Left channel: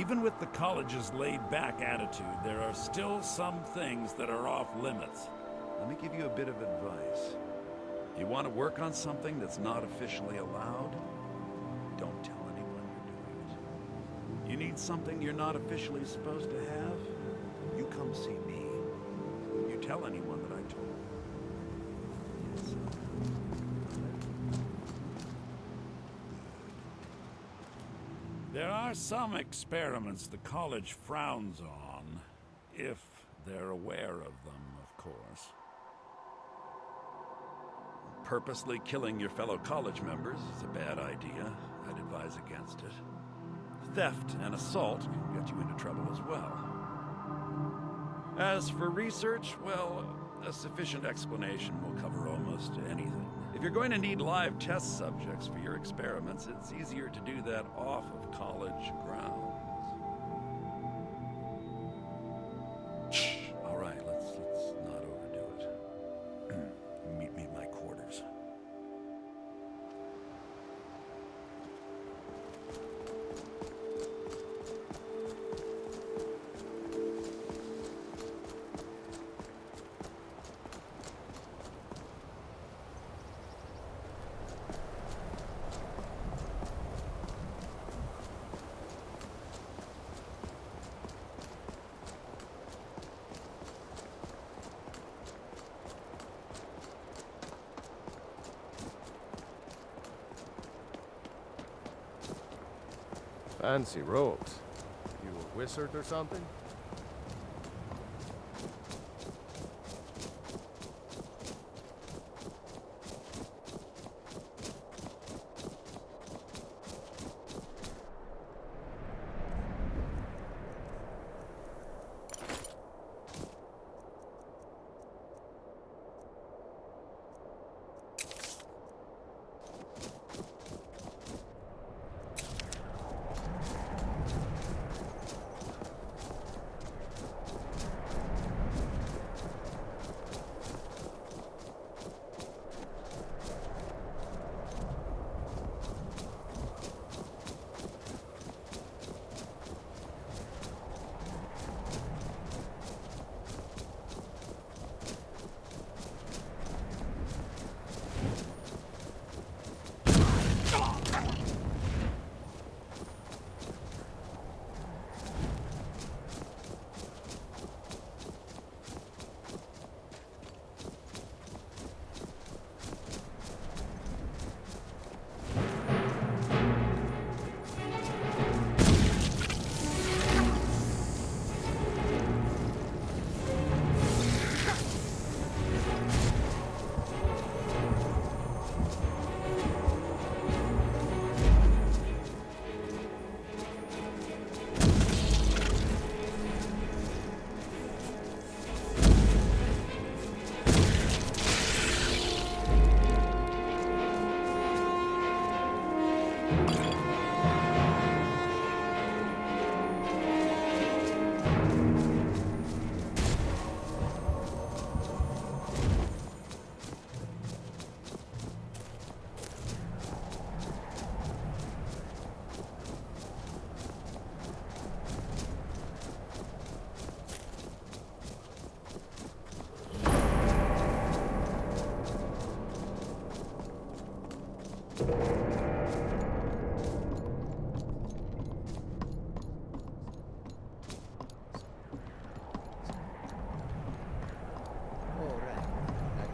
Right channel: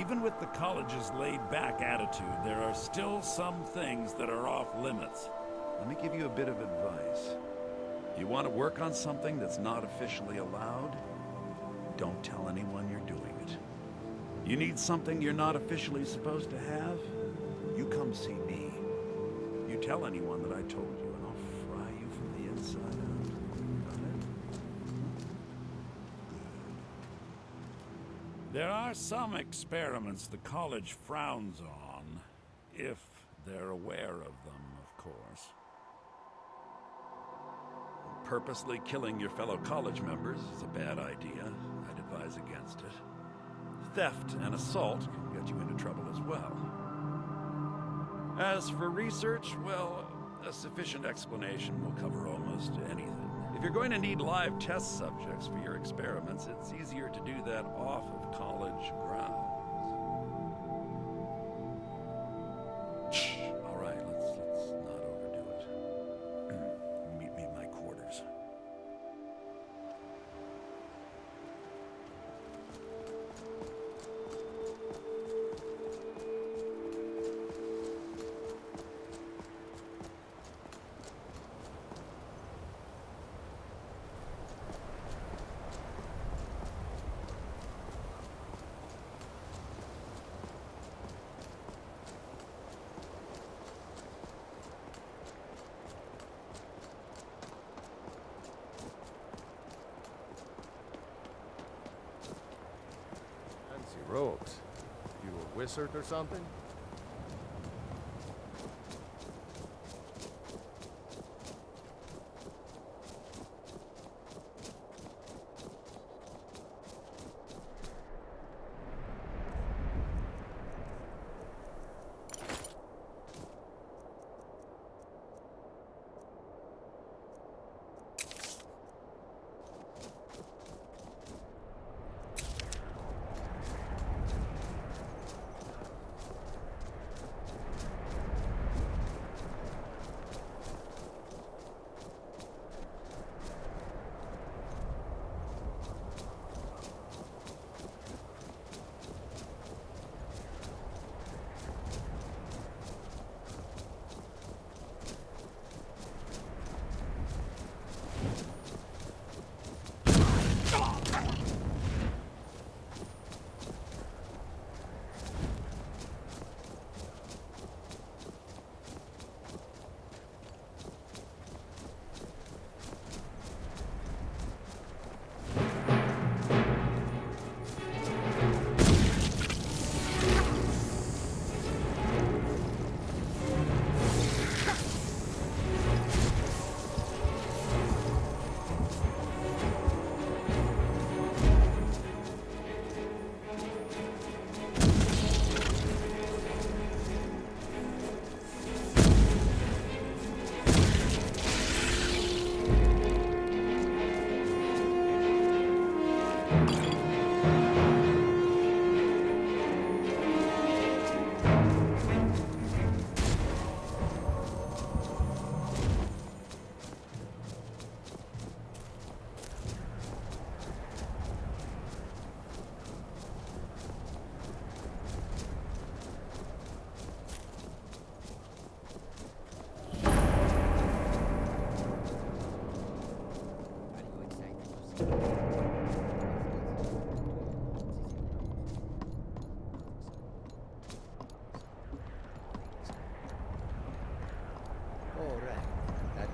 Even with the college's laid-back attitude, there are still some things that are off limits. Let me give you a bit of advice. You want to work on something that's not officially allowed? Don't tell anyone you're doing it. You need something you're not officially supposed to have? You come see me. You tell anyone that I told you, and I'll fry you from the inside out. Got it? Good. There are some experiments the college frowns on, if they're aware of them, of course. Purposely killing your fellow college members is a bad idea. I'd advise against it. Theft and assault can get you into trouble as well. As for research, well, a sufficient explanation will cover almost anything. If you're going to need live test subjects for your experiments, it's easier to do that off of college grounds. Shh. All right, let's not overdo it. Meet me in my quarters. Fancy robes. You a wizard or something?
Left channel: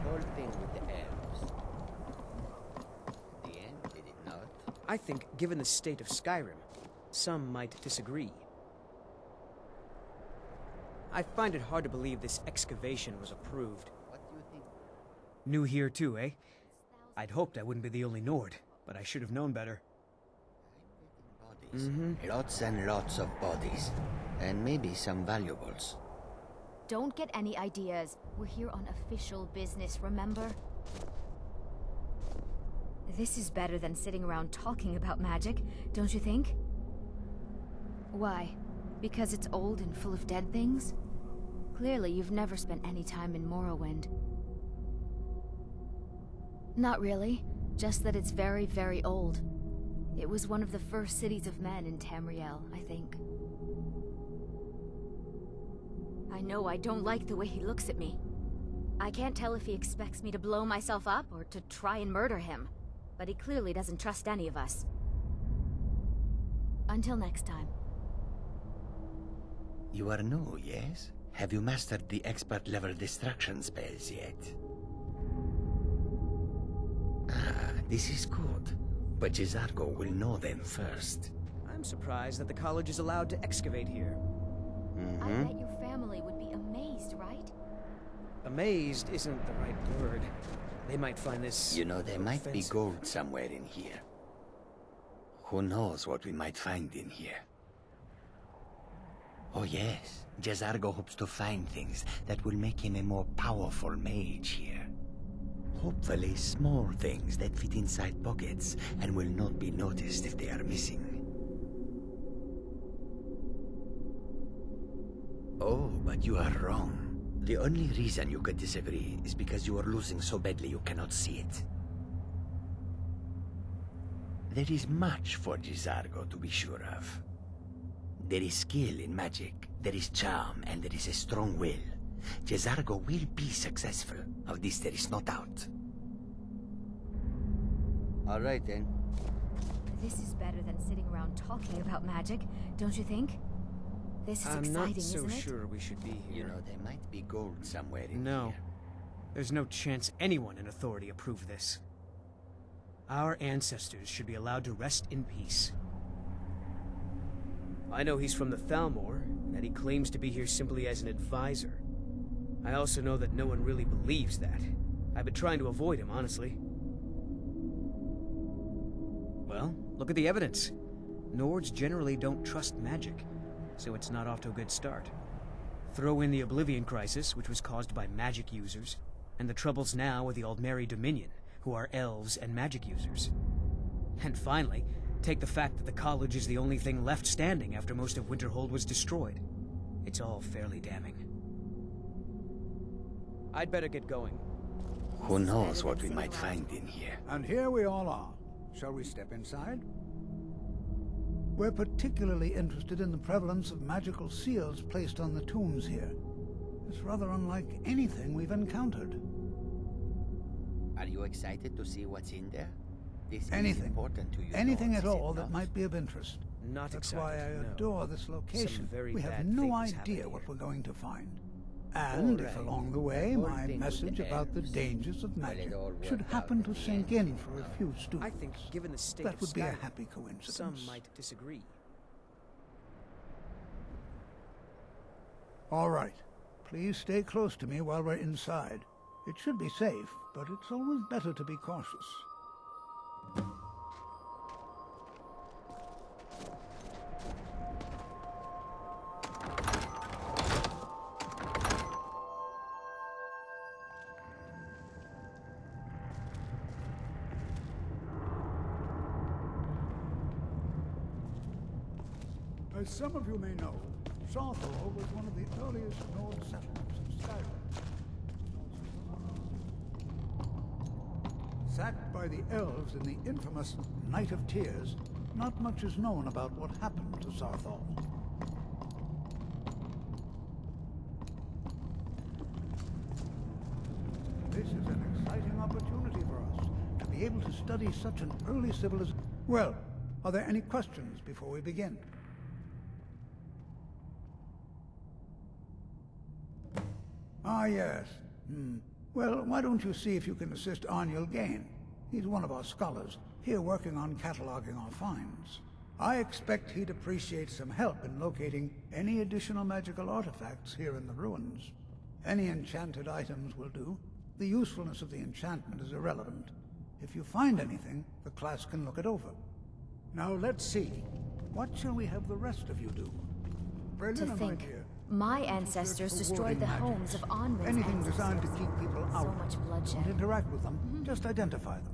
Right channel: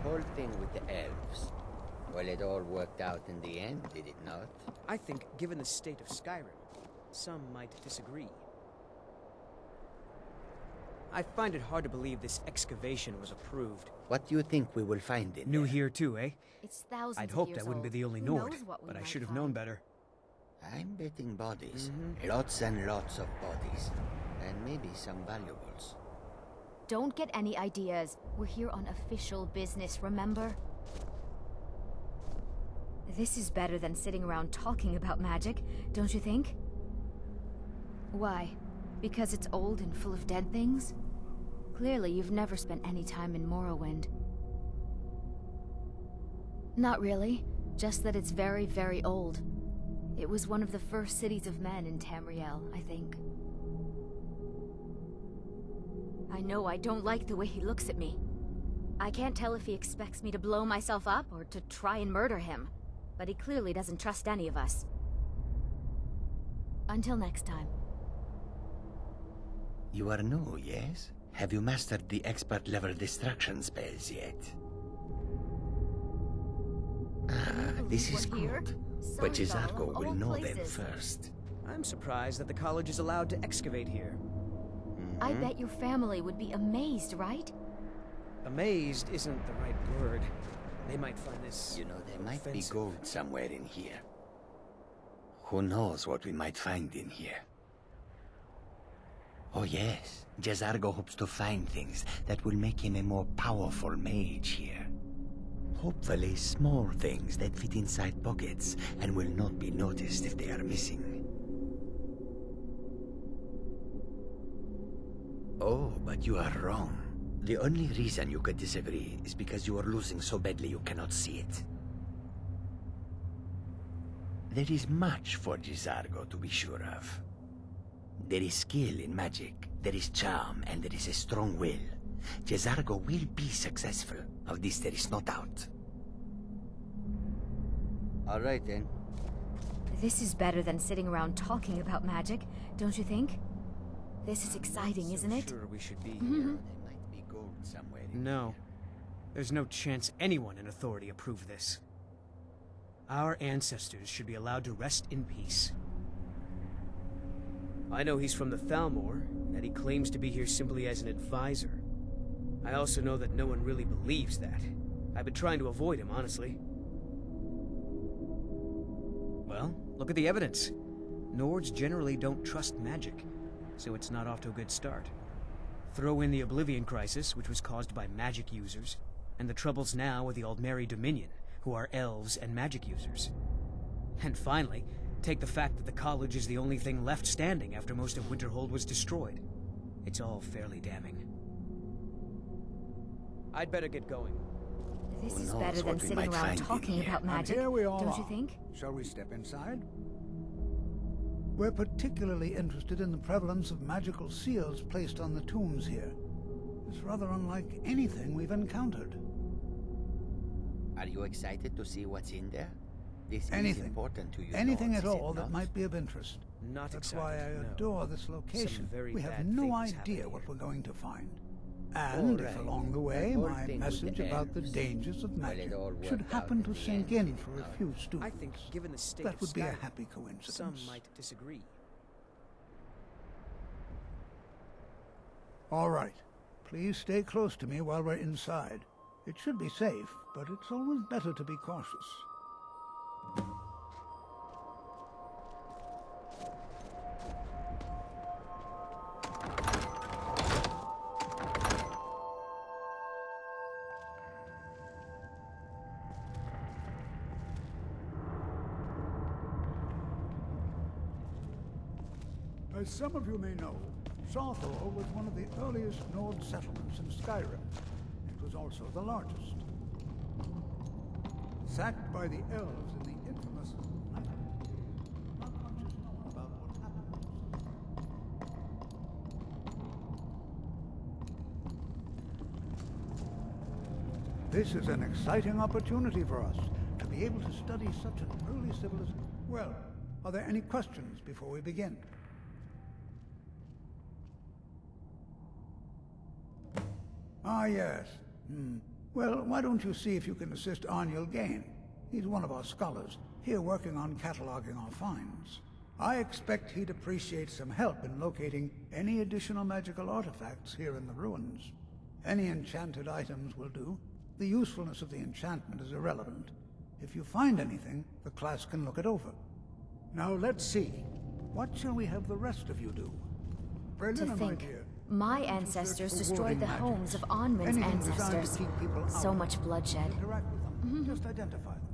Whole thing with the elves. Well, it all worked out in the end, did it not? I think, given the state of Skyrim, some might disagree. I find it hard to believe this excavation was approved. What do you think we will find in New there? here too, eh? It's thousands I'd of hoped I years wouldn't be old. the only Who Nord, knows what we but I might should have find. known better. I'm betting bodies. Lots and lots of bodies. And maybe some valuables. Don't get any ideas. We're here on official business, remember? This is better than sitting around talking about magic, don't you think? Why? Because it's old and full of dead things? Clearly, you've never spent any time in Morrowind. Not really. Just that it's very, very old. It was one of the first cities of men in Tamriel, I think. I know I don't like the way he looks at me. I can't tell if he expects me to blow myself up or to try and murder him, but he clearly doesn't trust any of us. Until next time. You are new, yes? Have you mastered the expert-level distraction spells yet? Ah, this is good. But Jizargo will know them first. I'm surprised that the college is allowed to excavate here. I bet your family would be amazed, right? Amazed isn't the right word. They might find this... You know, there might be offensive. gold somewhere in here. Who knows what we might find in here? Oh yes, Jizargo hopes to find things that will make him a more powerful mage here. Hopefully small things that fit inside pockets and will not be noticed if they are missing. Oh, but you are wrong. The only reason you could disagree is because you are losing so badly you cannot see it. There is much for Jizargo to be sure of. There is skill in magic, there is charm, and there is a strong will. Jizargo will be successful. Of this there is no doubt. All right then. This is better than sitting around talking about magic, don't you think? This is exciting, isn't it? I'm not so sure we should be You here. know, there might be gold somewhere in No. here. There's no chance anyone in authority approved this. Our ancestors should be allowed to rest in peace. I know he's from the Thalmor, and that he claims to be here simply as an advisor. I also know that no one really believes that. I've been trying to avoid him, honestly. Well, look at the evidence. Nords generally don't trust magic, so it's not off to a good start. Throw in the Oblivion Crisis, which was caused by magic users, and the troubles now with the Aldmeri Dominion, who are elves and magic users. And finally, take the fact that the college is the only thing left standing after most of Winterhold was destroyed. It's all fairly damning. I'd better get going. This Who is knows better what than we might sitting around find in talking here. about And magic, here we all don't are. you think? Shall we step inside? We're particularly interested in the prevalence of magical seals placed on the tombs here. It's rather unlike anything we've encountered. Are you excited to see what's in there? This is Anything. important to you. Anything Nords, at is it all that not? might be of interest. Not That's excited, why I no. adore this location. very We have bad no things idea happen what here. we're going to find. And if right. along the way The whole my thing with message the about the elves, dangers of well, it magic all should worked happen out to in the sink end, in for a no? few students, I think, given the state that of would be a Skyrim, happy coincidence. some might disagree. All right. Please stay close to me while we're inside. It should be safe, but it's always better to be cautious. As some of you may know, Sarrthal was one of the earliest Nord settlements in Skyrim. It was also the largest. Sacked by the elves in the infamous Night of Tears, not much is known about what happened to Sarrthal. This is an exciting opportunity for us to be able to study such an early civilization. Well, are there any questions before we begin? Ah, yes. Well, why don't you see if you can assist Arniel Gain? He's one of our scholars, here working on cataloging our finds. I expect he'd appreciate some help in locating any additional magical artifacts here in the ruins. Any enchanted items will do. The usefulness of the enchantment is irrelevant. If you find anything, the class can look it over. Now let's see. What shall we have the rest of you do? To Brelina, my think, dear. my Search ancestors for destroyed warding the magics. homes of Onmund's Anything designed to ancestors. keep people out. So much bloodshed. Don't interact with them. Just identify them.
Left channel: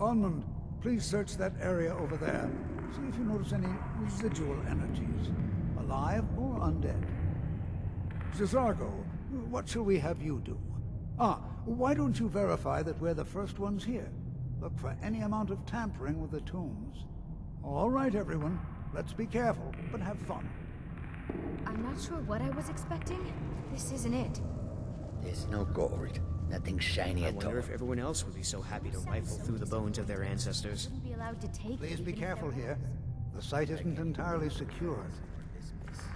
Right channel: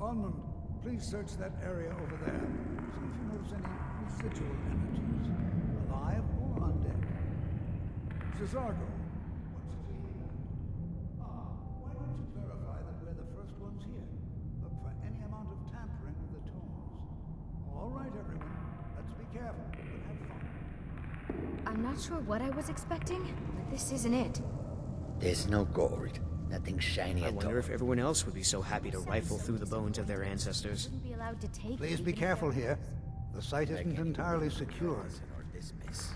Onmund, please search that area over there. See if you notice any residual energies, alive or undead. Jizargo, what shall we have you do? Ah, why don't you verify that we're the first ones here? look for any amount of tampering with the tombs. All right, everyone. Let's be careful, but have fun. I'm not sure what I was expecting, but this isn't it. There's no gold. Nothing shiny I at all. wonder if everyone else would be so happy to rifle through the bones of their ancestors. Shouldn't be allowed to take. Please be even if careful they're- here. The site isn't entirely secured. This mess.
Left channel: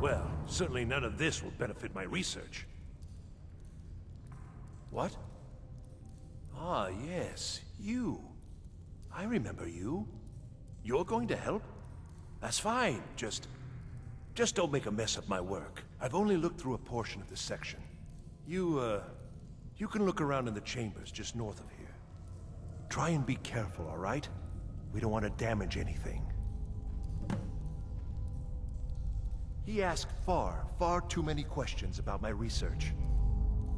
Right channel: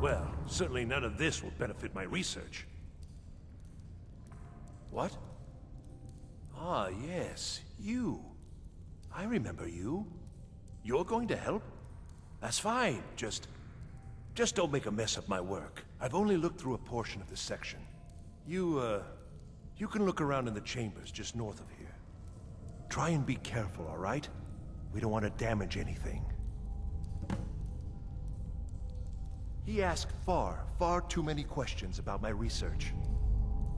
Well, certainly none of this will benefit my research. What? Ah, yes, you. I remember you. You're going to help? That's fine, just don't make a mess of my work. I've only looked through a portion of this section. You can look around in the chambers just north of here. Try and be careful, all right? We don't want to damage anything. He asked far too many questions about my research.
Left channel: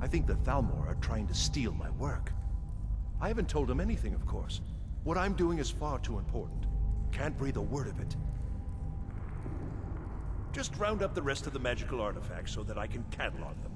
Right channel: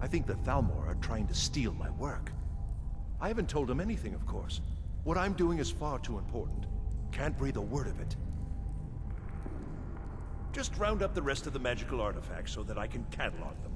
I think the Thalmor are trying to steal my work. I haven't told him anything, of course. What I'm doing is far too important. Can't breathe a word of it. Just round up the rest of the magical artifacts so that I can catalog them.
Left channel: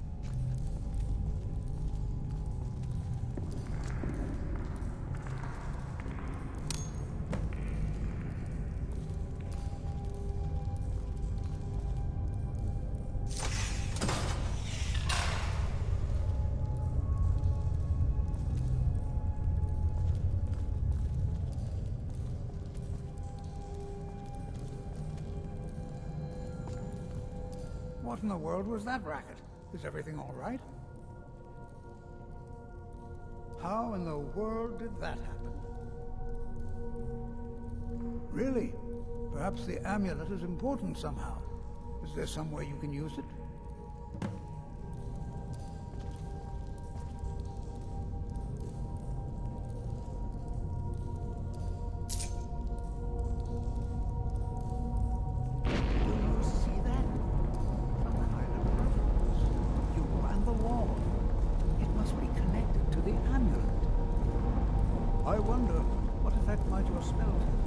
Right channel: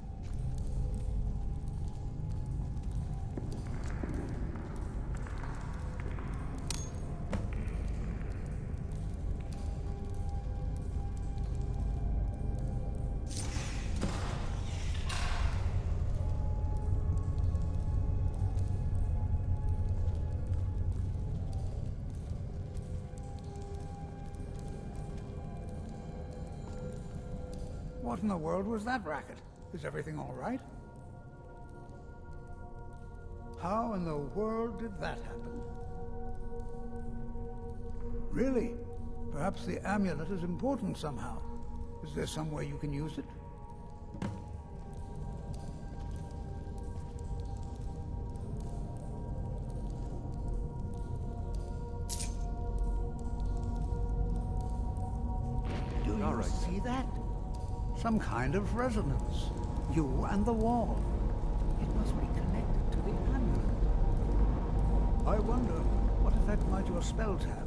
What in the world was that racket? Is everything all right? How in the world did that happen? Really? Perhaps the amulet is important somehow. Is there some way you can use it? Do you see that? Some kind of resonance. You and the wall. It must be connected to the amulet. I wonder, what effect might your spell have?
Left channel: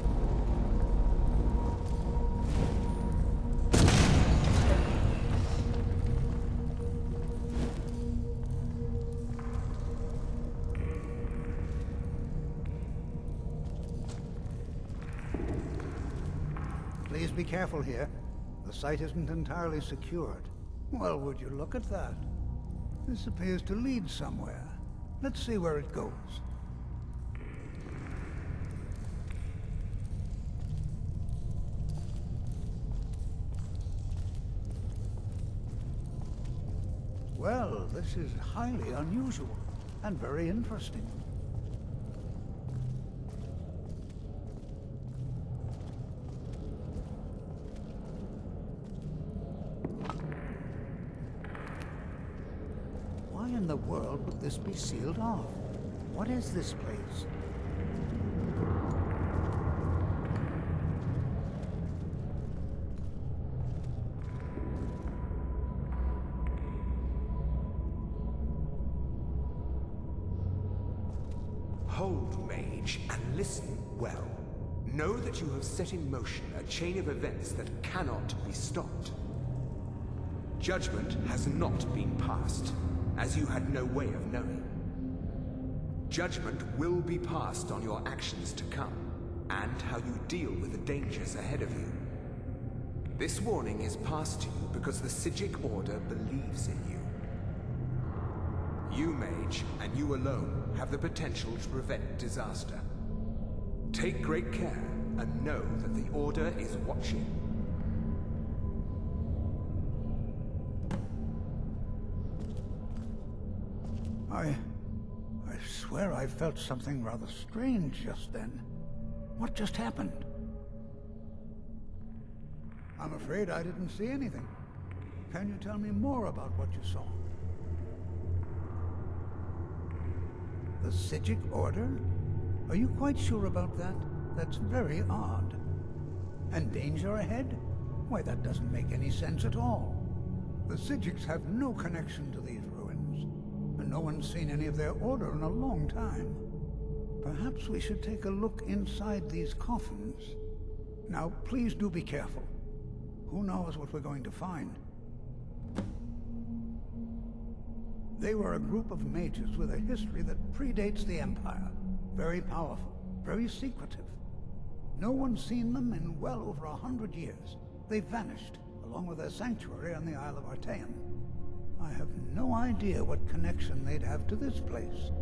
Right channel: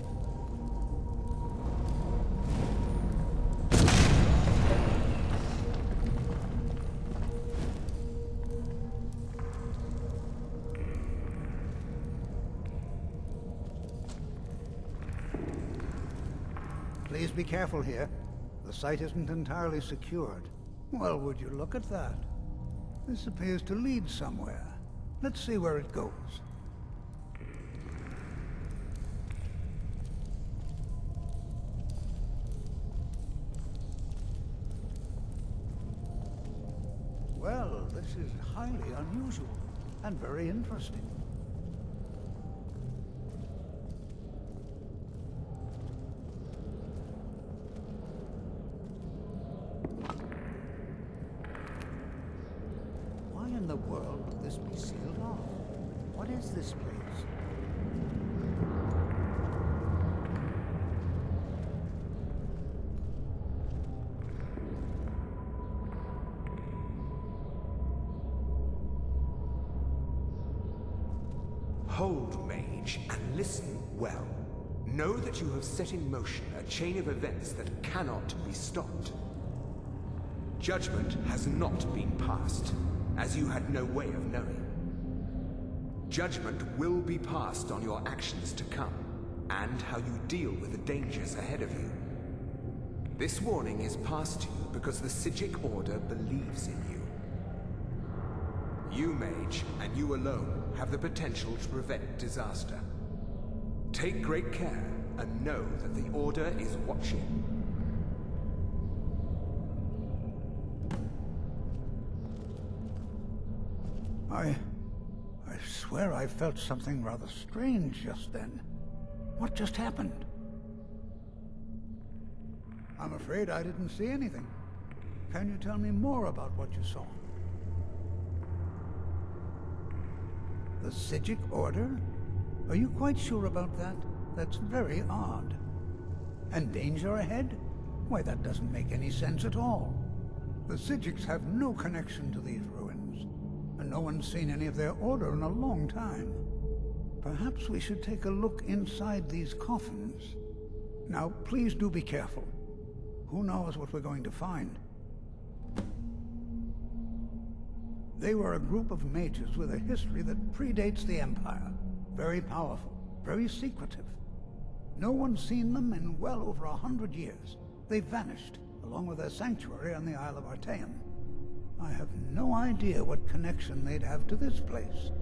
Please be careful here. The site isn't entirely secured. Well, would you look at that? This appears to lead somewhere. Let's see where it goes. Well, this is highly unusual and very interesting. Why in the world would this be sealed off? What is this place? Hold, mage, and listen well. Know that you have set in motion a chain of events that cannot be stopped. Judgment has not been passed, as you had no way of knowing. Judgment will be passed on your actions to come, and how you deal with the dangers ahead of you. This warning is passed to you because the Psijic Order believes in you. You, mage, and you alone, have the potential to prevent disaster. Take great care, and know that the Order is watching. I swear I felt something rather strange just then. What just happened? I'm afraid I didn't see anything. Can you tell me more about what you saw? The Psijic Order? Are you quite sure about that? That's very odd. And danger ahead? Why, that doesn't make any sense at all. The Psijics have no connection to these ruins, and no one's seen any of their order in a long time. Perhaps we should take a look inside these coffins. Now, please do be careful. Who knows what we're going to find? They were a group of mages with a history that predates the Empire. Very powerful, very secretive. No one's seen them in well over 100 years. They vanished, along with their sanctuary on the Isle of Artaeum. I have no idea what connection they'd have to this place.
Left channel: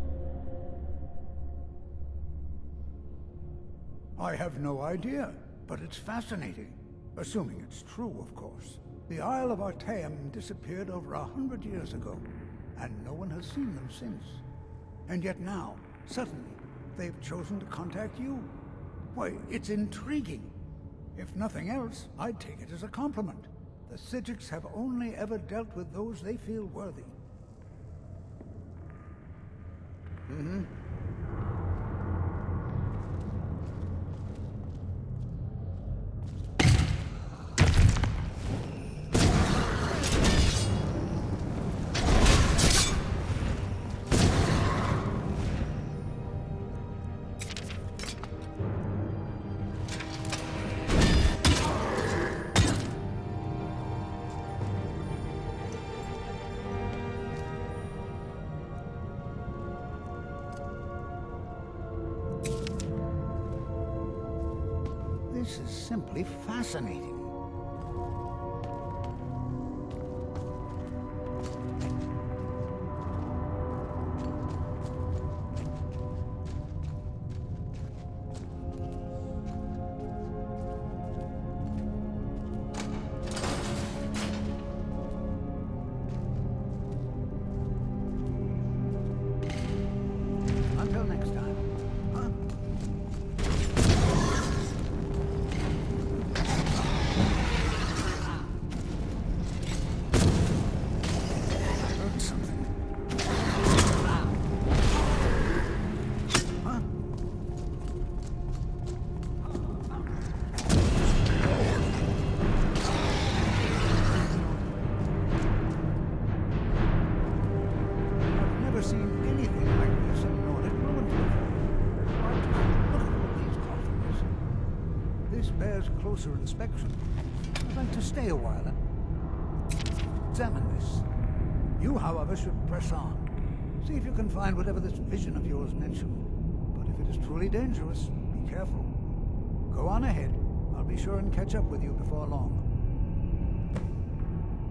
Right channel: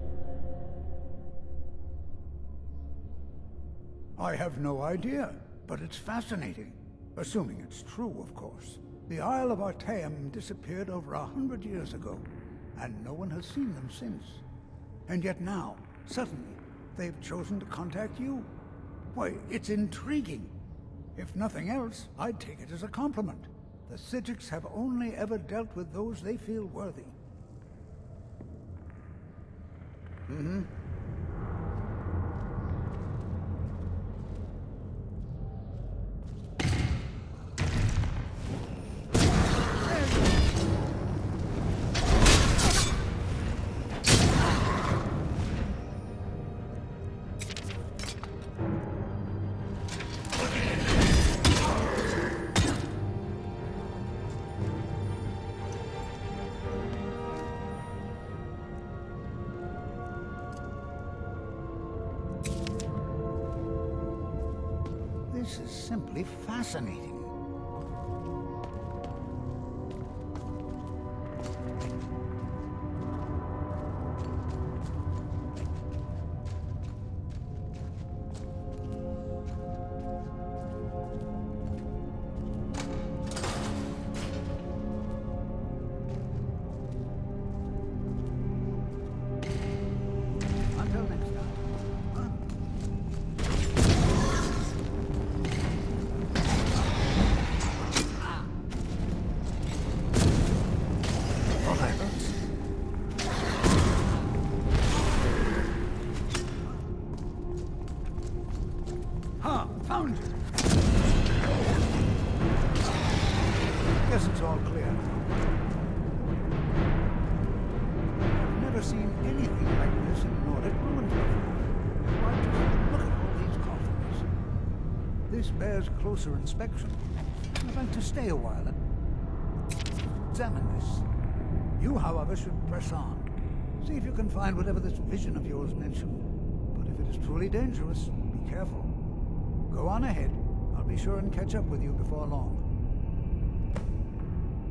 I have no idea, but it's fascinating. Assuming it's true, of course. The Isle of Artaeum disappeared over 100 years ago, and no one has seen them since. And yet now, suddenly, they've chosen to contact you. Why, it's intriguing. If nothing else, I'd take it as a compliment. The Psijics have only ever dealt with those they feel worthy. This is simply fascinating. Until next time. Huh? Seen anything like this in Nordic ruins before. Why, just look at all these coffins. This bears closer inspection. I'd like to stay a while and examine this. You, however, should press on. See if you can find whatever this vision of yours mentioned. But if it is truly dangerous, be careful. Go on ahead. I'll be sure and catch up with you before long.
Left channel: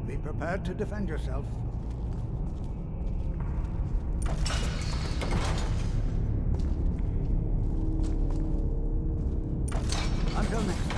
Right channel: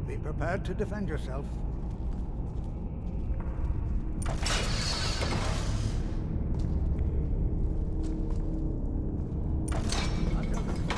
Be prepared to defend yourself. Until next time.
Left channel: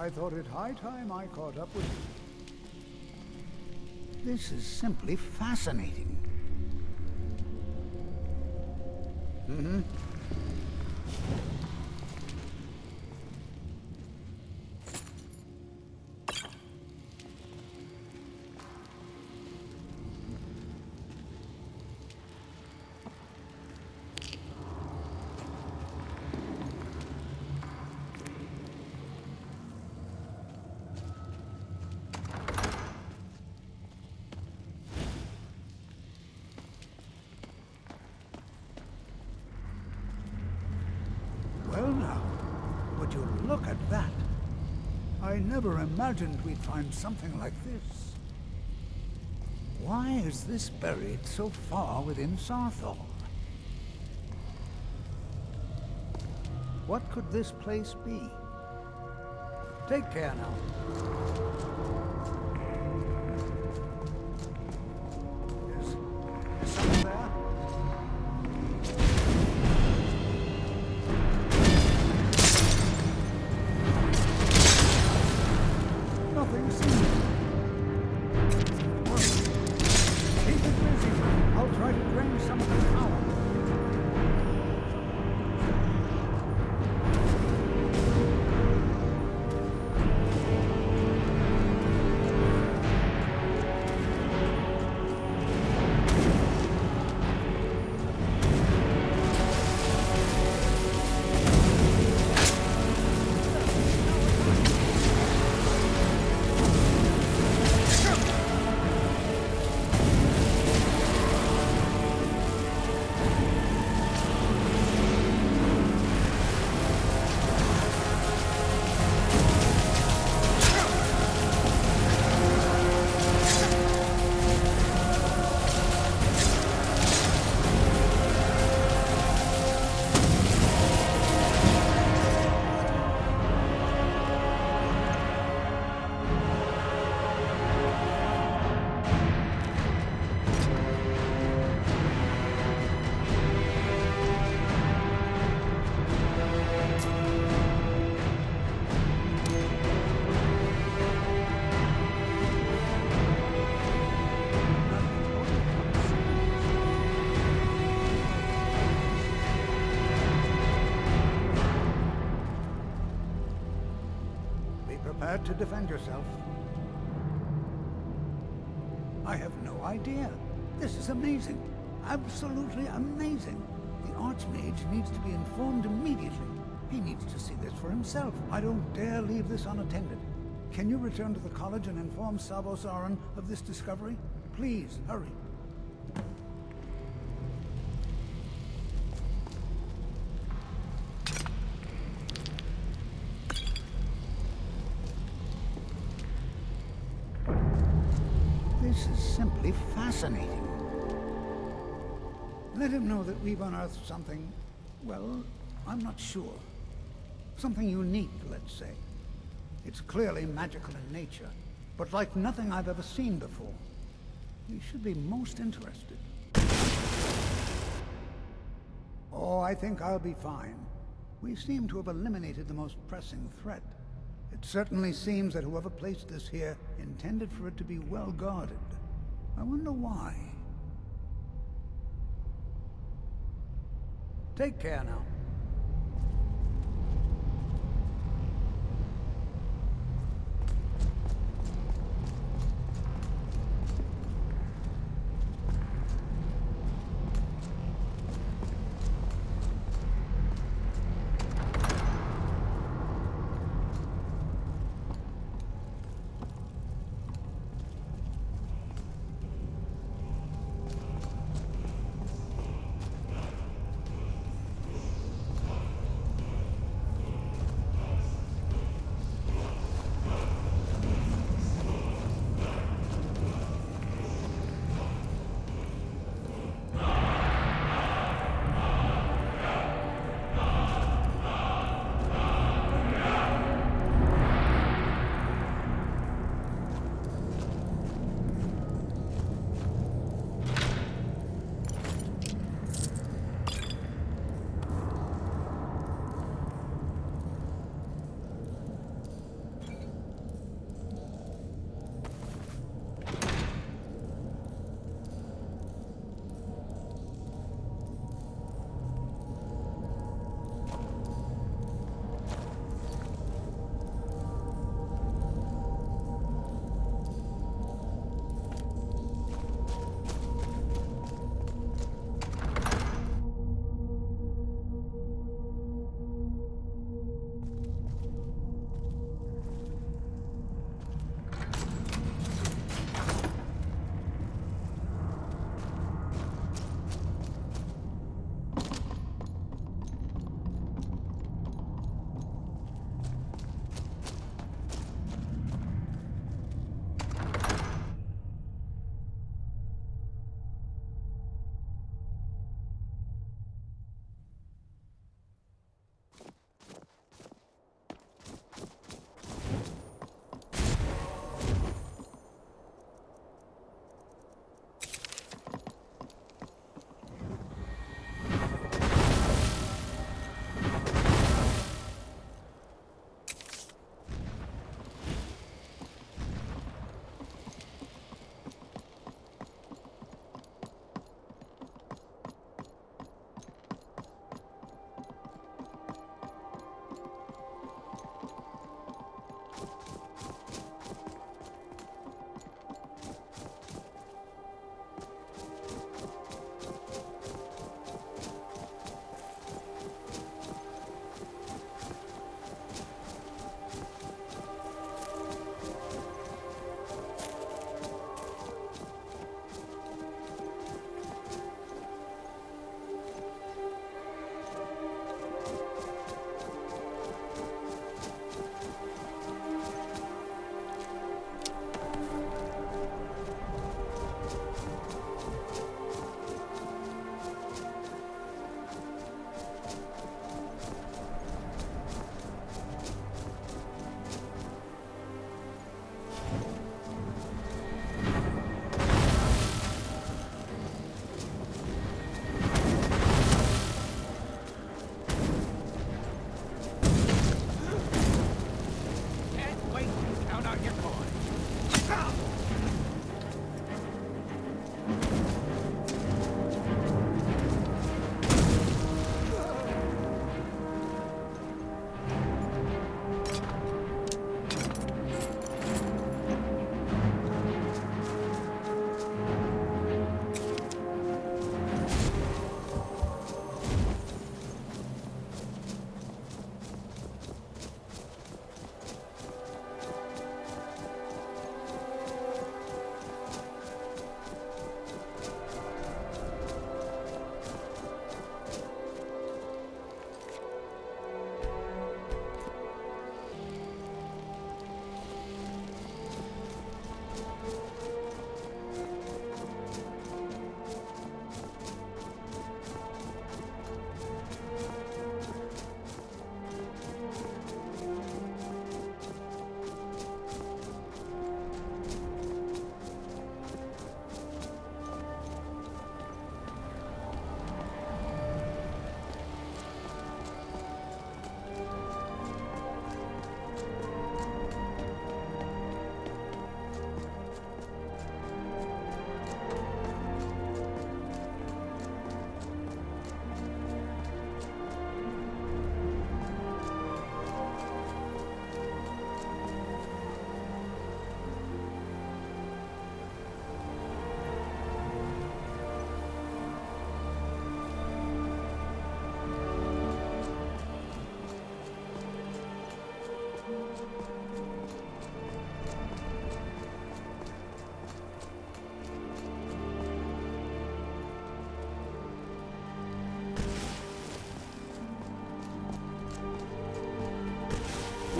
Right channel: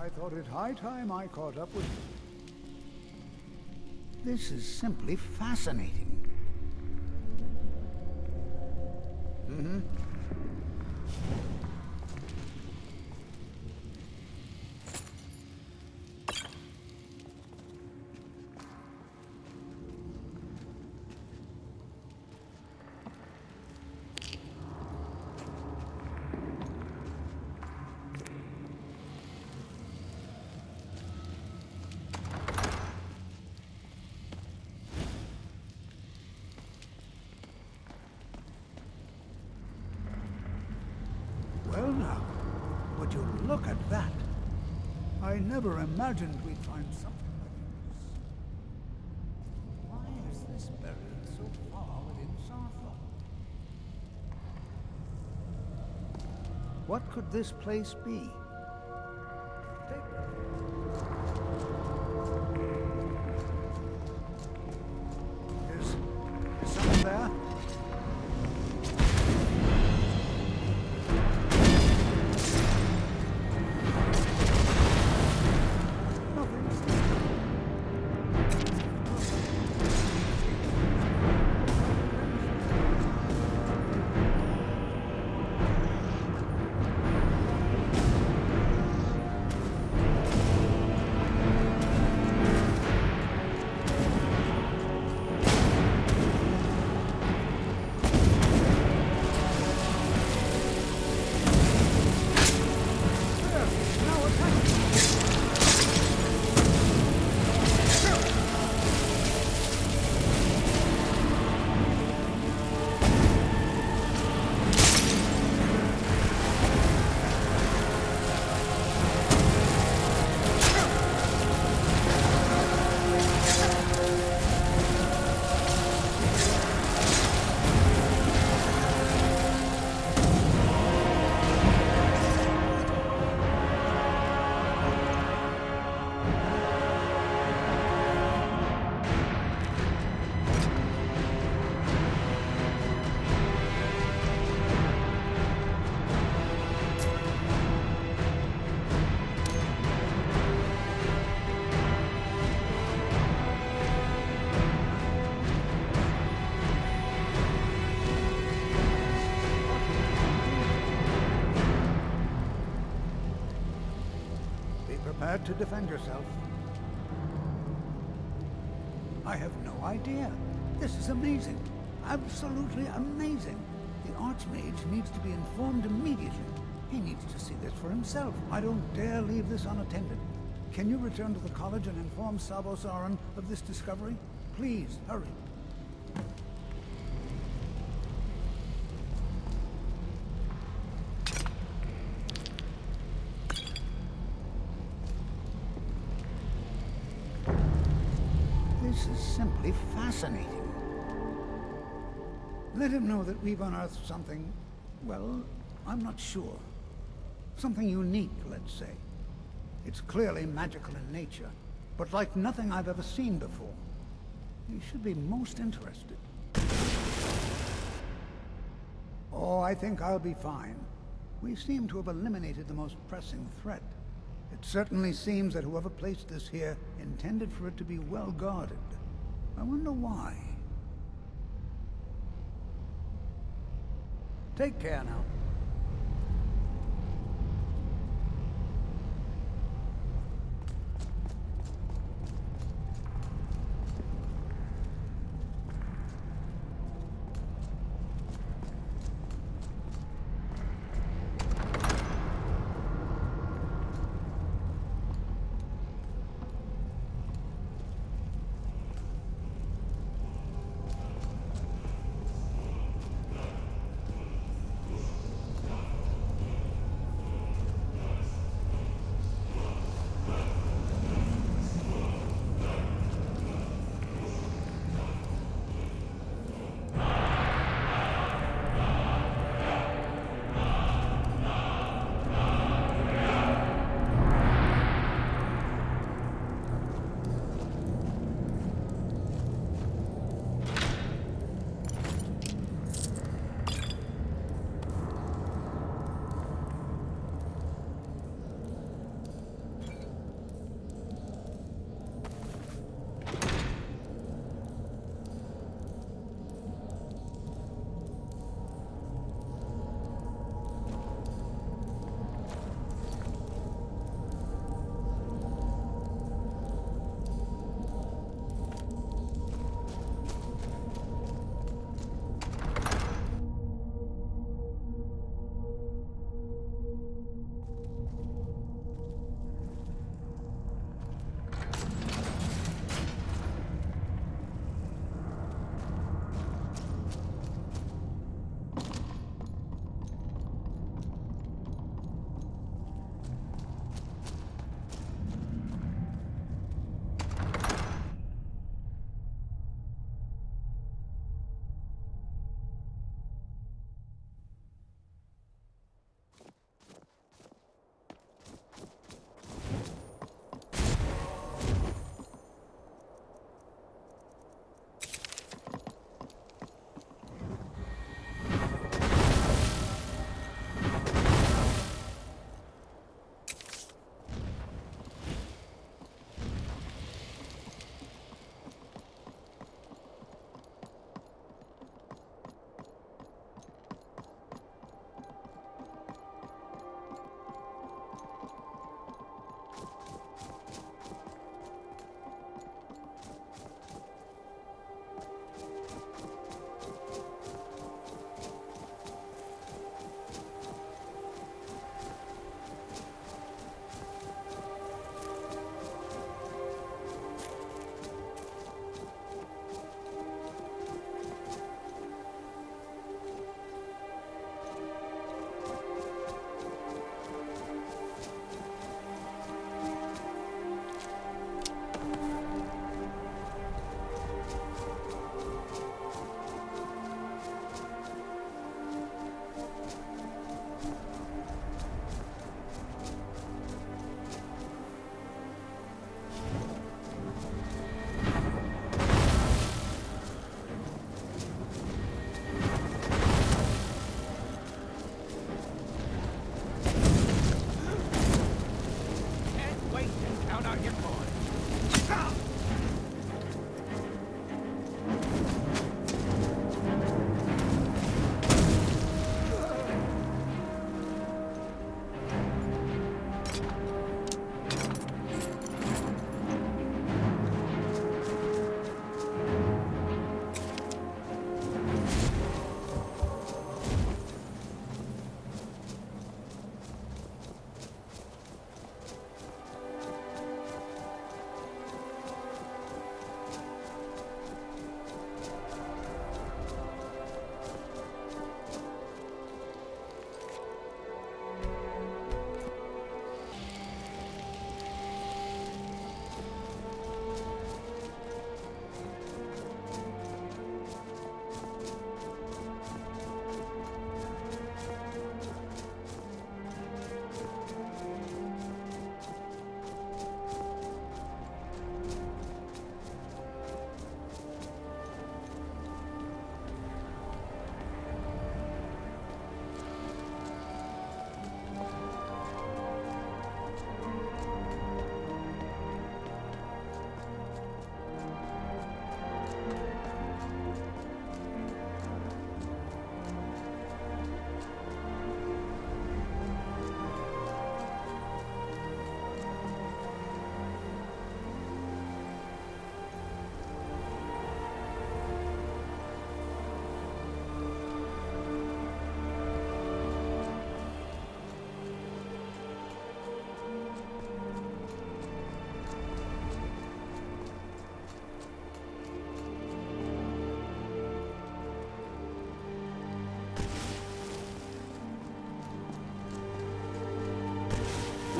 I thought it high time I caught up with you. This is simply fascinating. Mm-hmm. Well now, would you look at that? I never imagined we'd find something like this. Why is this buried so far within Sarrthal? What could this place be? Take care now. Is someone there? Nothing seen. Well, keep it busy. I'll try to bring something out. Prepared to defend yourself. I have no idea. This is amazing. Absolutely amazing. The Archmage needs to be informed immediately. He needs to see this for himself. I don't dare leave this unattended. Can you return to the college and inform Sabo Saran of this discovery? Please, hurry. This is simply fascinating. Let him know that we've unearthed something, well, I'm not sure. Something unique, let's say. It's clearly magical in nature, but like nothing I've ever seen before. He should be most interested. Oh, I think I'll be fine. We seem to have eliminated the most pressing threat. It certainly seems that whoever placed this here intended for it to be well guarded. I wonder why. Take care now.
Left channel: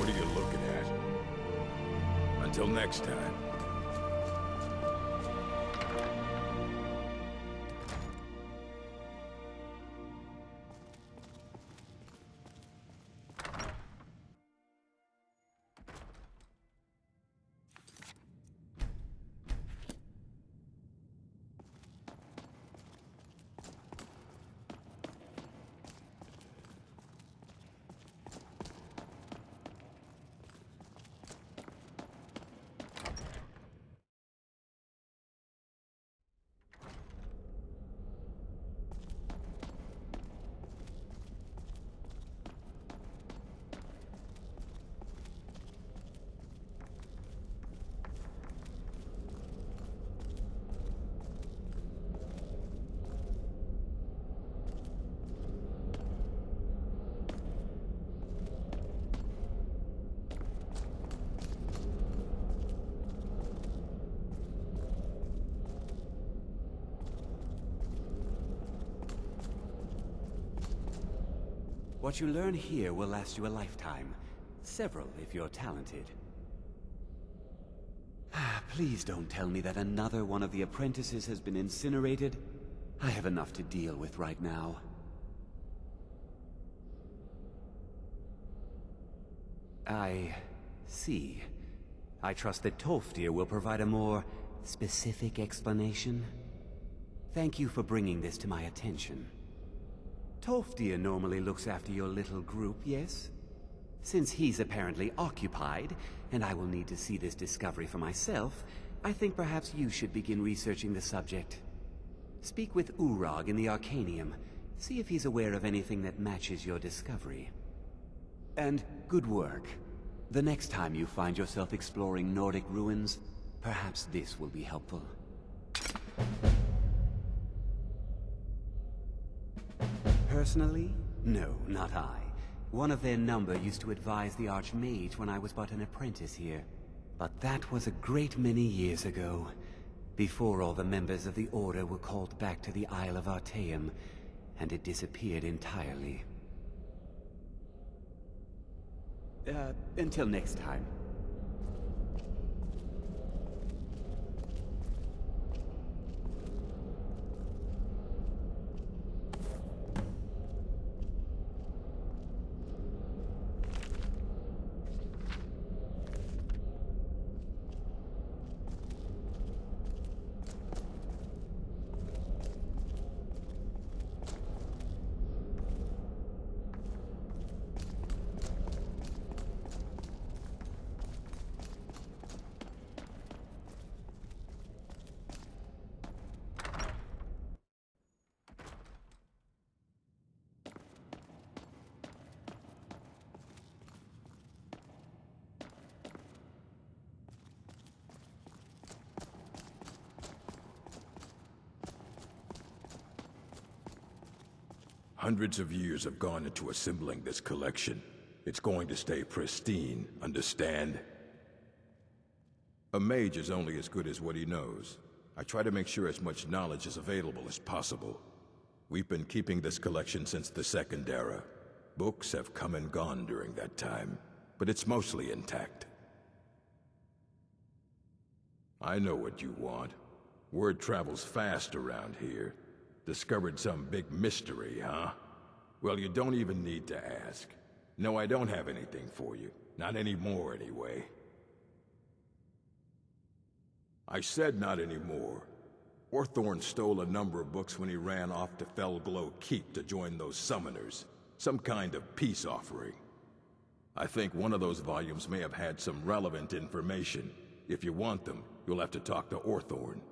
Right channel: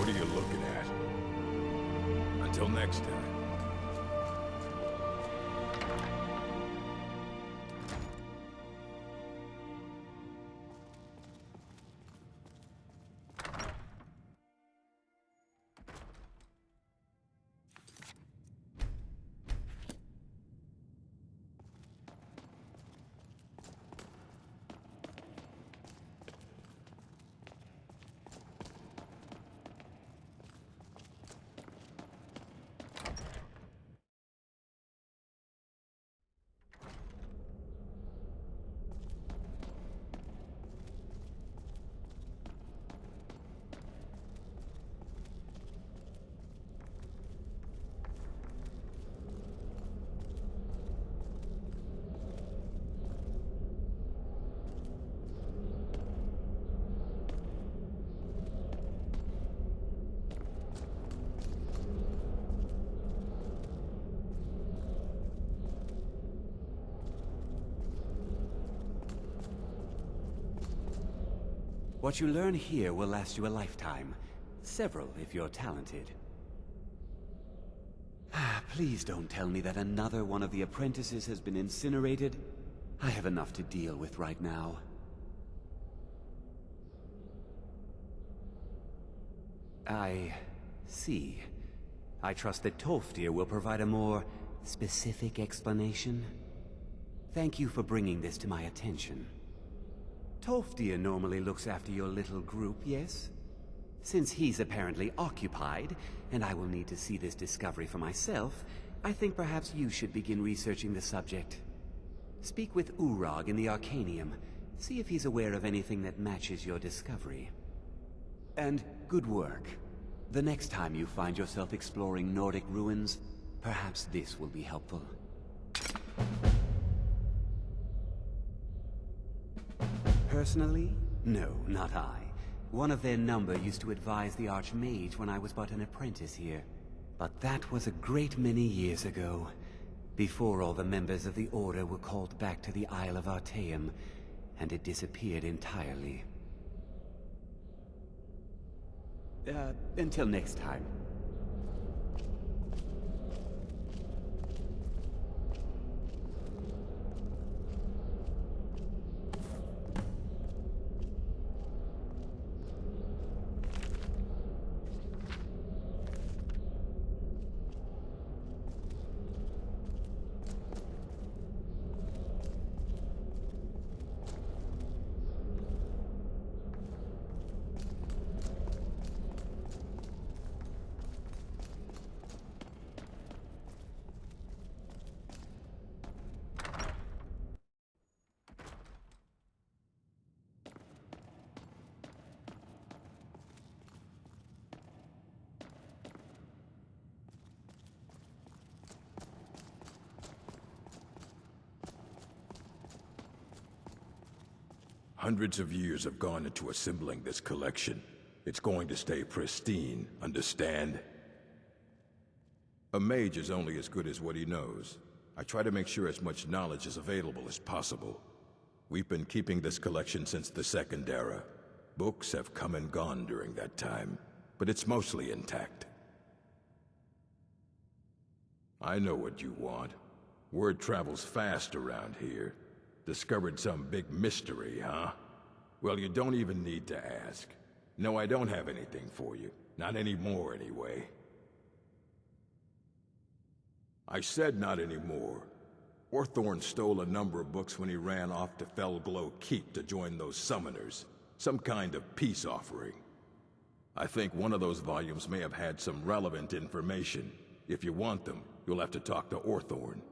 What are you looking at? Until next time. What you learn here will last you a lifetime. Several, if you're talented. Please don't tell me that another one of the apprentices has been incinerated. I have enough to deal with right now. I see. I trust that Tolfdir will provide a more specific explanation. Thank you for bringing this to my attention. Tolfdir normally looks after your little group, yes? Since he's apparently occupied, and I will need to see this discovery for myself, I think perhaps you should begin researching the subject. Speak with Urag in the Arcanium. See if he's aware of anything that matches your discovery. And good work. The next time you find yourself exploring Nordic ruins, perhaps this will be helpful. Personally? No, not I. One of their number used to advise the Archmage when I was but an apprentice here. But that was a great many years ago, before all the members of the Order were called back to the Isle of Artaeum, and it disappeared entirely. Until next time. Hundreds of years have gone into assembling this collection. It's going to stay pristine, understand? A mage is only as good as what he knows. I try to make sure as much knowledge is available as possible. We've been keeping this collection since the Second Era. Books have come and gone during that time, but it's mostly intact. I know what you want. Word travels fast around here. Discovered some big mystery, huh? Well, you don't even need to ask. No, I don't have anything for you. Not anymore, anyway. I said not anymore. Orthorn stole a number of books when he ran off to Felglow Keep to join those summoners. Some kind of peace offering. I think one of those volumes may have had some relevant information. If you want them, you'll have to talk to Orthorn.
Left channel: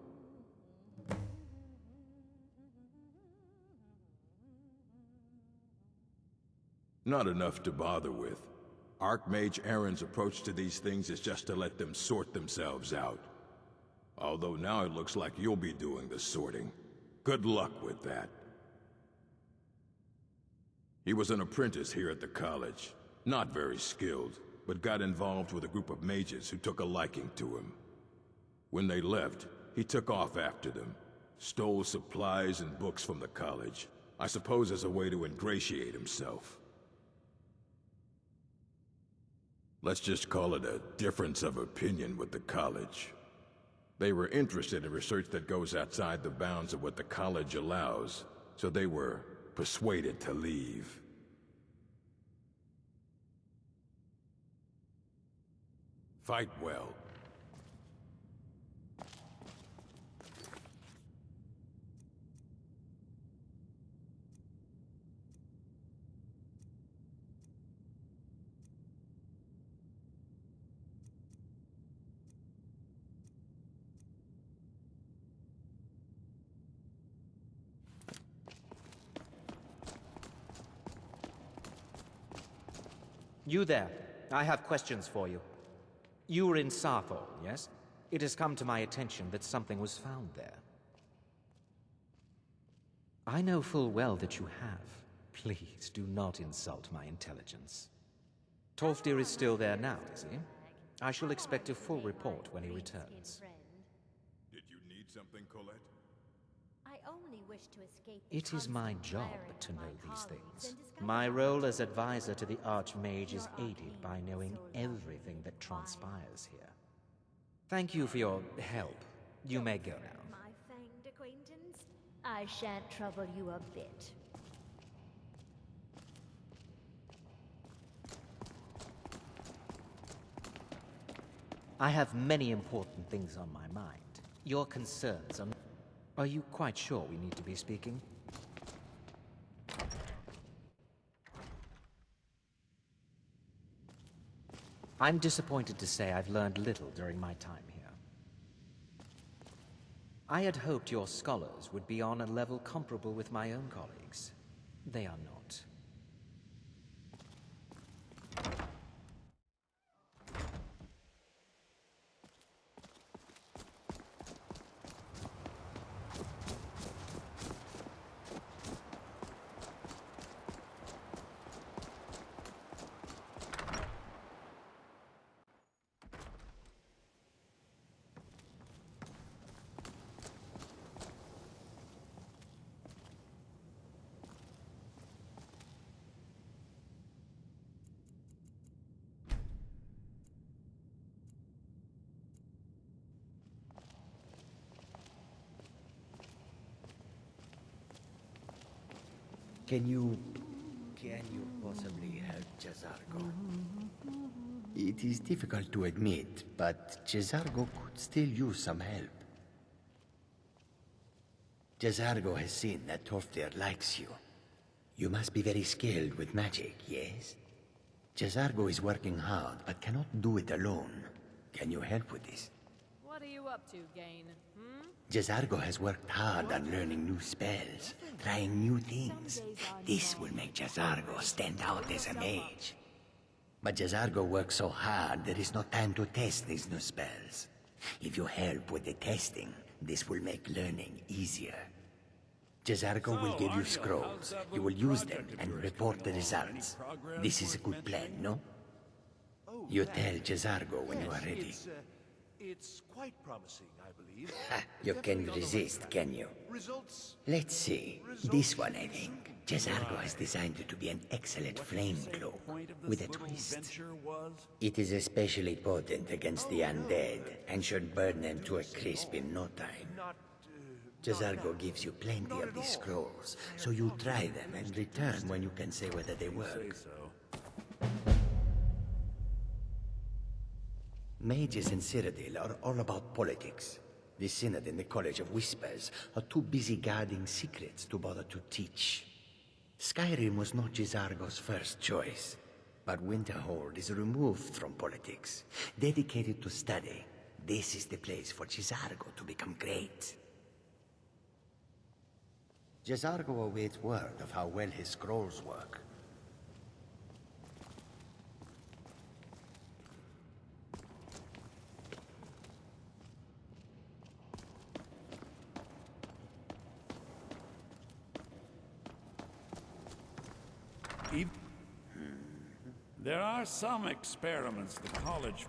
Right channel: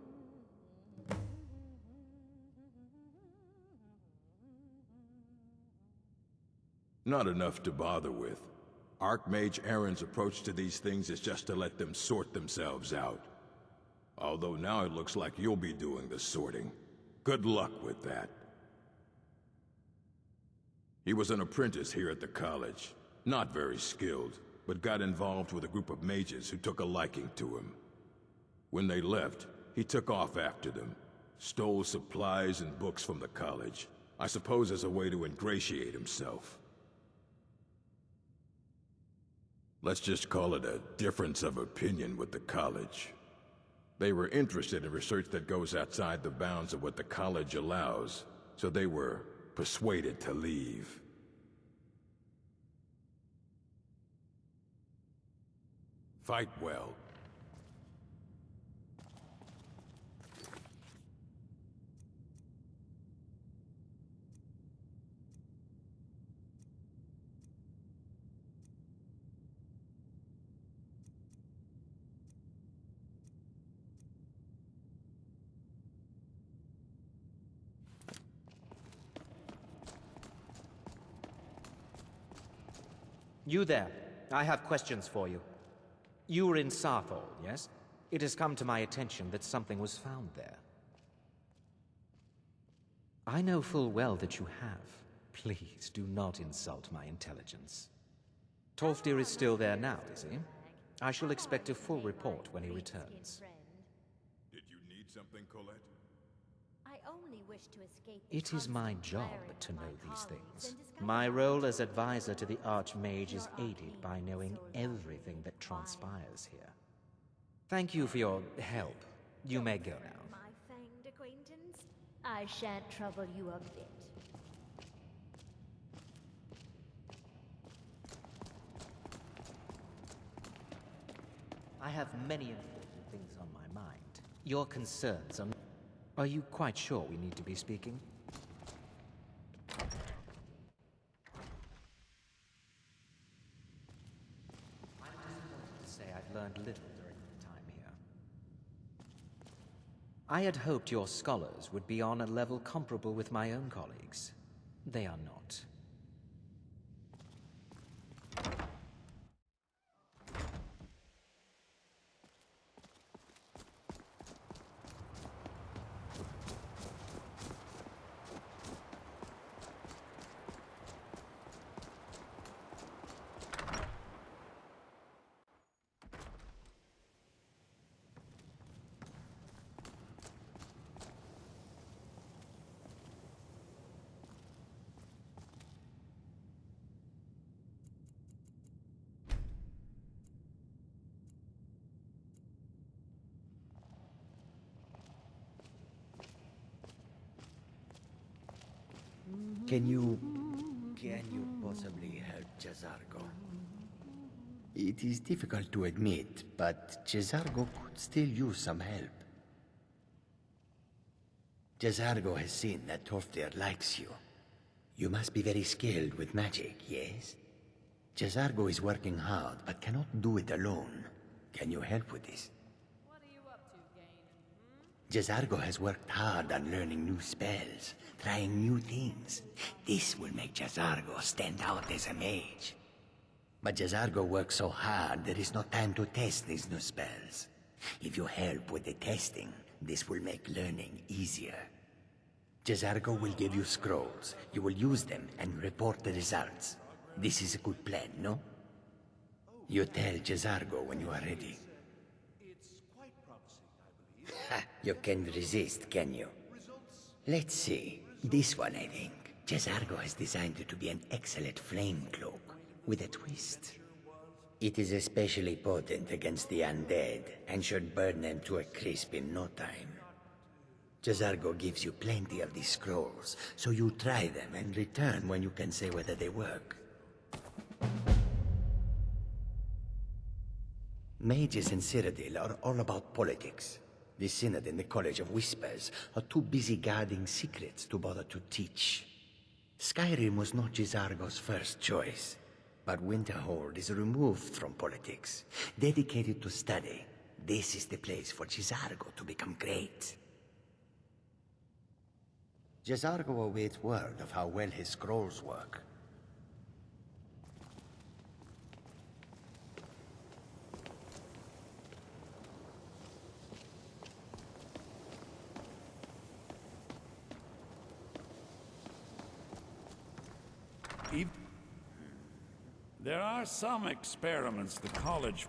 Not enough to bother with. Archmage Aaron's approach to these things is just to let them sort themselves out. Although now it looks like you'll be doing the sorting. Good luck with that. He was an apprentice here at the college. Not very skilled, but got involved with a group of mages who took a liking to him. When they left, he took off after them. Stole supplies and books from the college. I suppose as a way to ingratiate himself. Let's just call it a difference of opinion with the college. They were interested in research that goes outside the bounds of what the college allows, so they were persuaded to leave. Fight well. You there. I have questions for you. You were in Sarrthal, yes? It has come to my attention that something was found there. I know full well that you have. Please do not insult my intelligence. Tolfdir is still there now, is he? I shall expect a full report when he returns. Did you need something, Colette? I only wish to escape. It is my job to know these things. My role as advisor to the Archmage is aided by knowing everything that transpires here. Thank you for your help. You may go now. My fanged acquaintance? I shan't trouble you a bit. I have many important things on my mind. Your concerns are... Are you quite sure we need to be speaking? I'm disappointed to say I've learned little during my time here. I had hoped your scholars would be on a level comparable with my own colleagues. They are not. Can you possibly help Jazargo? It is difficult to admit, but Jazargo could still use some help. Jazargo has seen that Tolfdir likes you. You must be very skilled with magic, yes? Jazargo is working hard, but cannot do it alone. Can you help with this? What are you up to, Gain? Jazargo has worked hard on learning new spells, trying new things. This will make Jazargo stand out as a mage. But Jazargo works so hard, there is no time to test these new spells. If you help with the testing, this will make learning easier. Jazargo will give you scrolls. You will use them and report the results. This is a good plan, no? You tell Jazargo when you are ready. It's quite promising, I believe. You can resist, can you? Let's see. This one, I think. Jazargo has designed it to be an excellent flame cloak, with a twist. It is especially potent against the undead, and should burn them to a crisp in no time. Jazargo gives you plenty of these scrolls, so you try them and return when you can say whether they work. Mages in Cyrodiil are all about politics. The Synod and the College of Whispers are too busy guarding secrets to bother to teach. Skyrim was not Jazargo's first choice, but Winterhold is removed from politics, dedicated to study. This is the place for Jazargo to become great. Jazargo awaits word of how well his scrolls work. There are some experiments the college...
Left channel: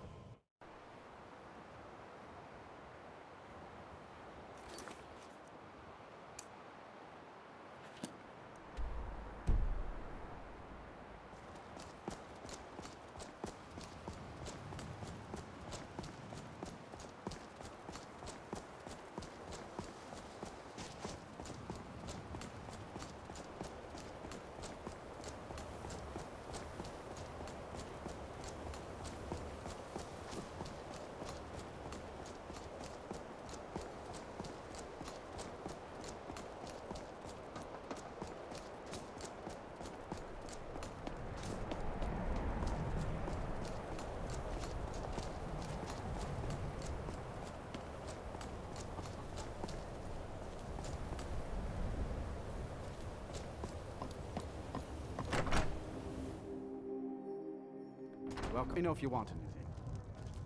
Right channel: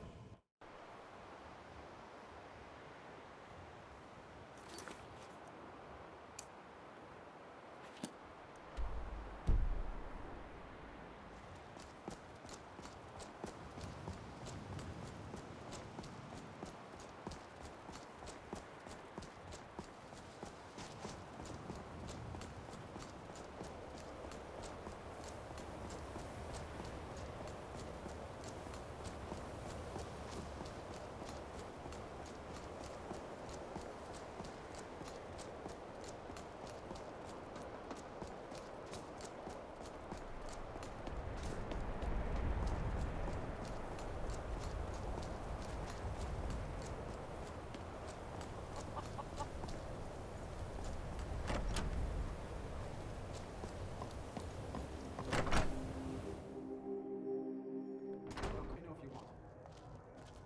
me know if you want anything.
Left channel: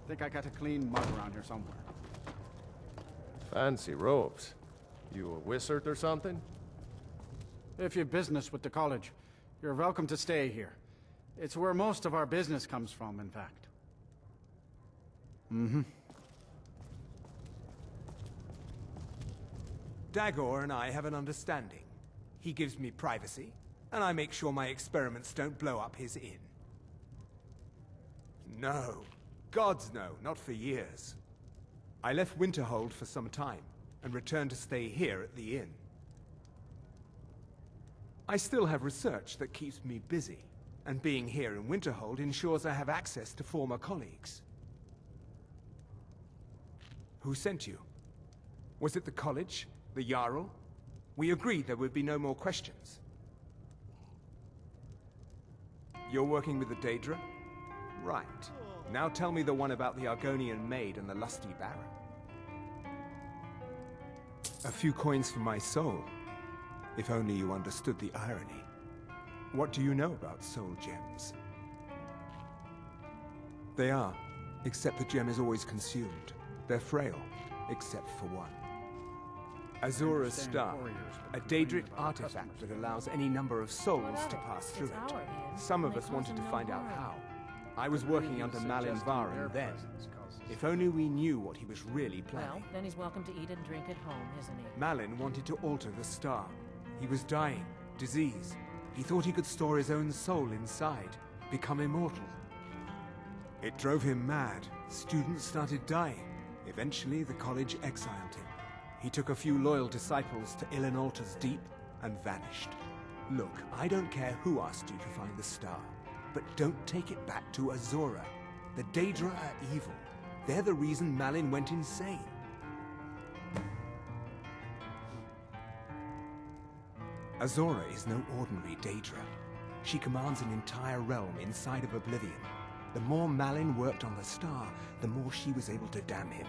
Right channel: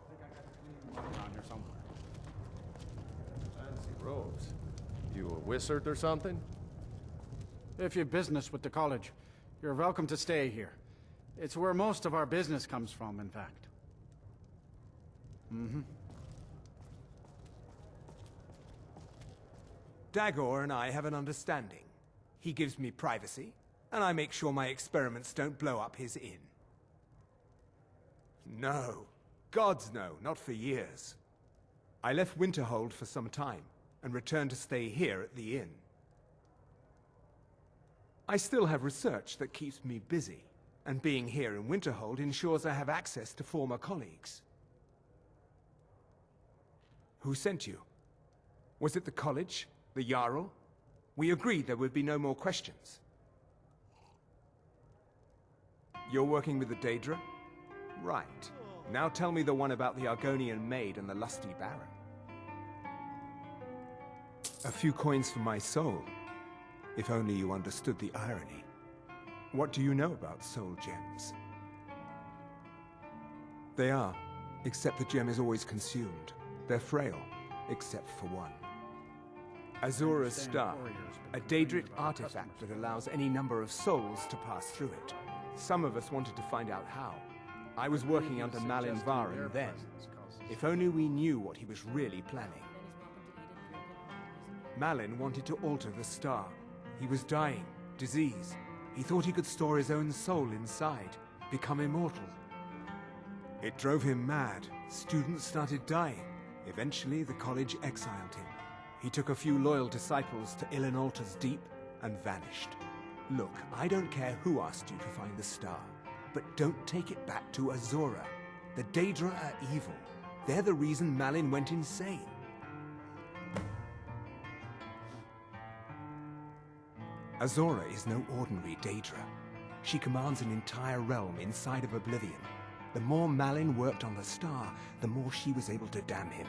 I think I got a clean mug around here somewhere. Fancy robes. You a wizard or something? If you've business with the college, you're welcome to stay here. It's where most of our business comes from, in fact. Mm-hmm. Dagor and I have an understanding. He gives me privacy, and I make sure my experiments don't blow up his inn. No. Gods no, not for years. I left Winterhold for some time, and returned to stay here at the inn. I still have research that keeps me busy, and being here in Winterhold ensures I have access to former colleagues. Who sent you? Was it the college? The Jarl? We agreed there would be no more questions. You're working with the Daedra? Right. Now tell me the one about the Argonian maid and the lusty baron. A few coins for my soul. If only you understood the irony. What do you know about soul gems? They are, except the gem is always consumed. They're frail, except for one. Azura's star, a Daedric artifact that allows any number of souls to pass through it. Some of us wanted to find out how. I was working under Malin Varen then. If only we knew what he was really planning. Well, then he's welcome to eat and drink at home, isn't he? Malin wanted to alter the star. He was dying, disease. He thought he could store his own soul inside, become immortal. It drove him mad. Students started dying. Eventually, the college exiled him. He took a few loyal disciples to Illinalta's Deep and vanished. Look, I don't care who asked you to find the star, but don't take it back to Azura. The Daedra are evil. They're the reason Malin went insane. Azura is no ordinary Daedra. She commands an entire realm inside of Oblivion. The more Malin worked on the star, the more she was able to damn him.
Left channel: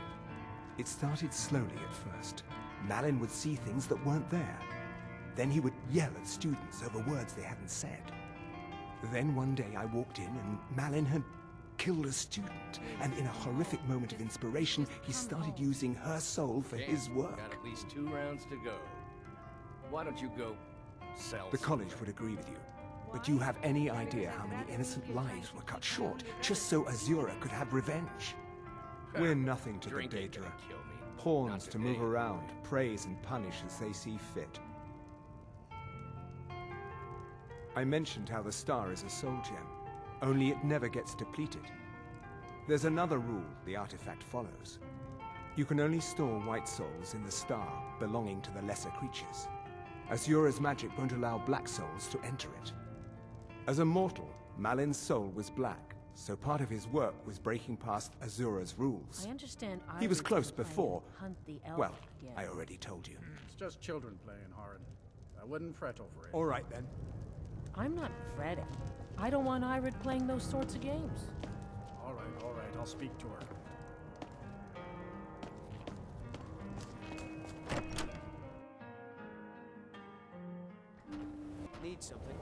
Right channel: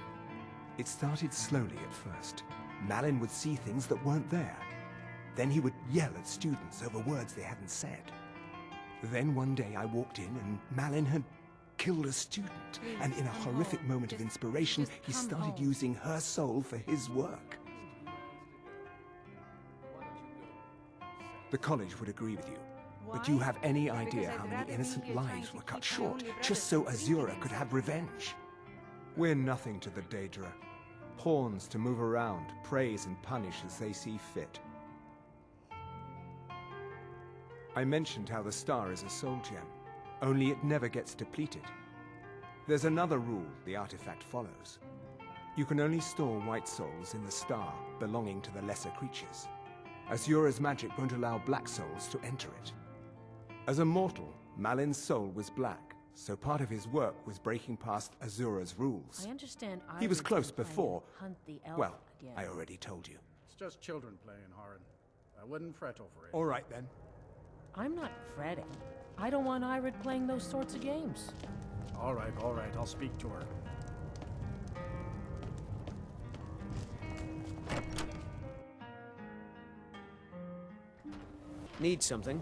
It started slowly at first. Malin would see things that weren't there. Then he would yell at students over words they hadn't said. Then one day I walked in and Malin had killed a student, and in a horrific moment of inspiration, he started using her soul for his work. Got at least 2 rounds to go. Why don't you go sell? The college would agree with you. But do you have any idea how many innocent lives were cut short just so Azura could have revenge? We're nothing to the Daedra. Pawns to move around, praise and punish as they see fit. I mentioned how the star is a soul gem, only it never gets depleted. There's another rule the artifact follows. You can only store white souls in the star belonging to the lesser creatures. Azura's magic won't allow black souls to enter it. As a mortal, Malin's soul was black, so part of his work was breaking past Azura's rules. I understand. He was close before. Hunt the elf Well, again. I already told you. It's just children playing, Haran. I wouldn't fret over it. All right, then. I'm not fretting. I don't want Irid playing those sorts of games. All right, I'll speak to her. Need something?